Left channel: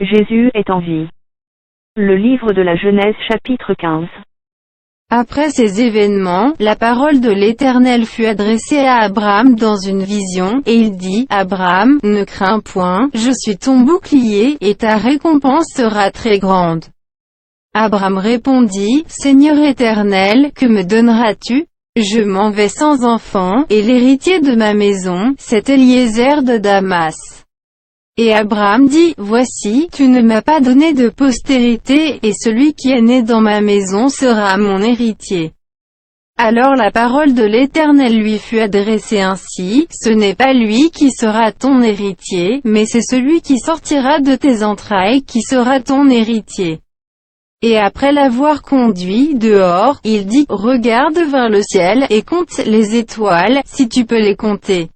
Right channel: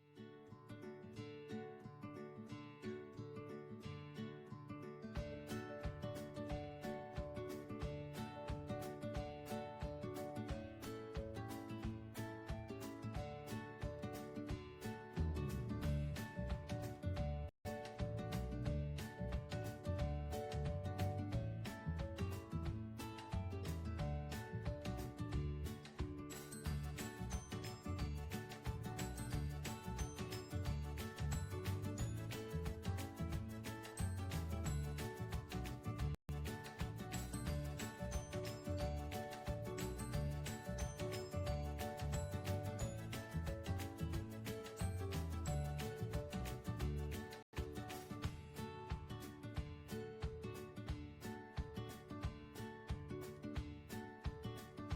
Jésus est en vie. Le livre de la Genèse chapitre 15. Après ces événements, la parole de l'Éternel fut adressée à Abraham dans une vision, et il dit, « Abraham, ne crains point, je suis ton bouclier, et ta récompense sera très grande. » Abraham répondit, « Seigneur Éternel, que me donneras-tu? Je m'en vais sans enfant, et l'héritier de ma maison, c'est Eliezer de Damas. » Et Abraham dit, « Voici, tu ne m'as pas donné de postérité, et celui qui est né dans ma maison sera mon héritier. » Alors la parole de l'Éternel lui fut adressée ainsi, « Ce n'est pas lui qui sera ton héritier, mais c'est celui qui sortira de tes entrailles qui sera ton héritier. » Et après l'avoir conduit dehors, il dit, « Regarde vers le ciel, et compte les étoiles, si tu peux les compter. »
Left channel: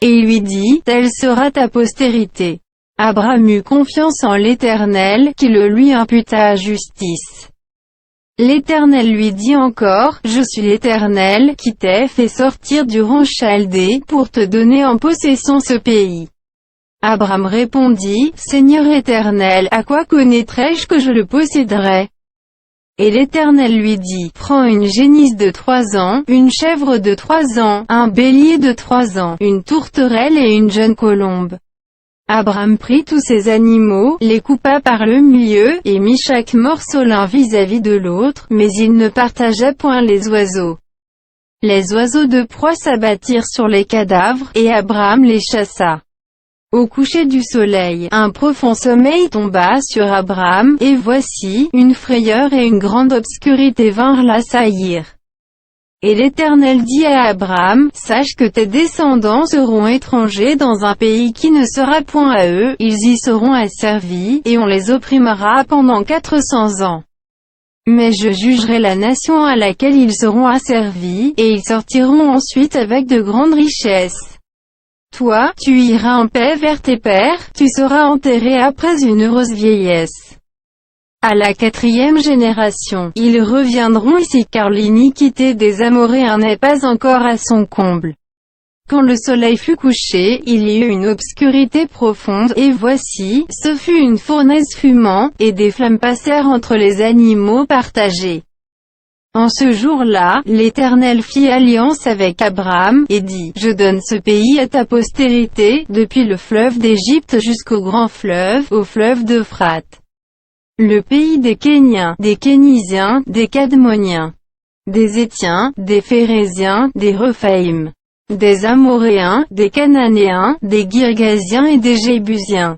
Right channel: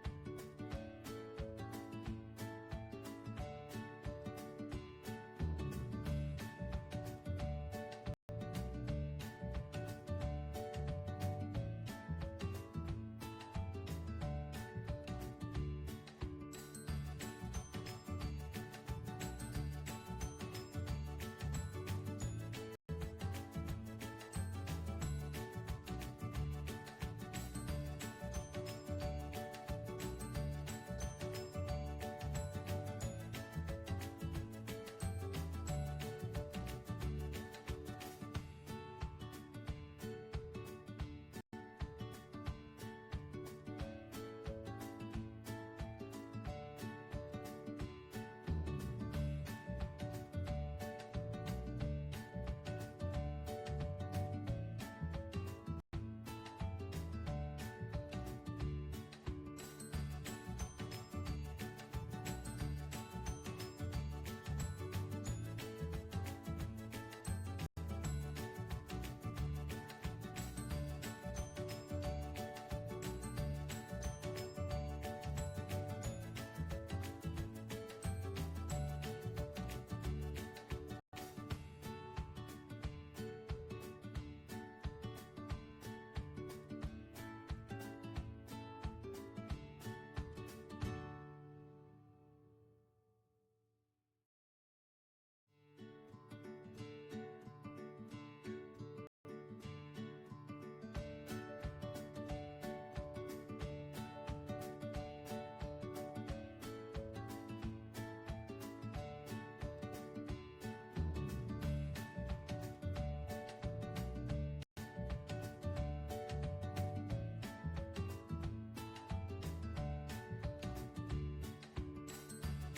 Et il lui dit, « Telle sera ta postérité. » Abraham eut confiance en l'Éternel, qui le lui imputa à justice. L'Éternel lui dit encore, « Je suis l'Éternel, qui t'ai fait sortir d'Ur Chaldée, pour te donner en possession ce pays. » Abraham répondit, « Seigneur Éternel, à quoi connaîtrai-je que je le posséderai? » Et l'Éternel lui dit, « Prends une génisse de 3 ans, une chèvre de 3 ans, un bélier de 3 ans, une tourterelle et une jeune colombe. » Abraham prit tous ces animaux, les coupa par le milieu, et mit chaque morceau l'un vis-à-vis de l'autre, mais il ne partagea point les oiseaux. Les oiseaux de proie s'abattirent sur les cadavres, et Abraham les chassa. Au coucher du soleil, un profond sommeil tomba sur Abraham, et voici, une frayeur et une grande obscurité vinrent l'assaillir. Et l'Éternel dit à Abraham, « Sache que tes descendants seront étrangers dans un pays qui ne sera point à eux, ils y seront asservis, et on les opprimera pendant 400 ans. Mais je jugerai la nation à laquelle ils seront asservis, et ils sortiront ensuite avec de grandes richesses. Toi, tu iras en paix vers tes pères, tu seras enterré après une heureuse vieillesse. À la 4e génération, ils reviendront ici car l'iniquité des Amoréens n'est pas encore à son comble. » Quand le soleil fut couché, il y eut une obscurité profonde, et voici, ce fut une fournaise fumant, et des flammes passèrent entre les animaux partagés. En ce jour-là, l'Éternel fit alliance avec Abraham, et dit, « Je donne ce pays à ta postérité, depuis le fleuve d'Égypte jusqu'au grand fleuve, au fleuve d'Euphrate. Le pays des Kéniens, des Kénisiens, des Cadmoniens, des Étiens, des Phéréziens, des Rephaïm, des Amoréens, des Cananéens, des Girgasiens et des Jébusiens.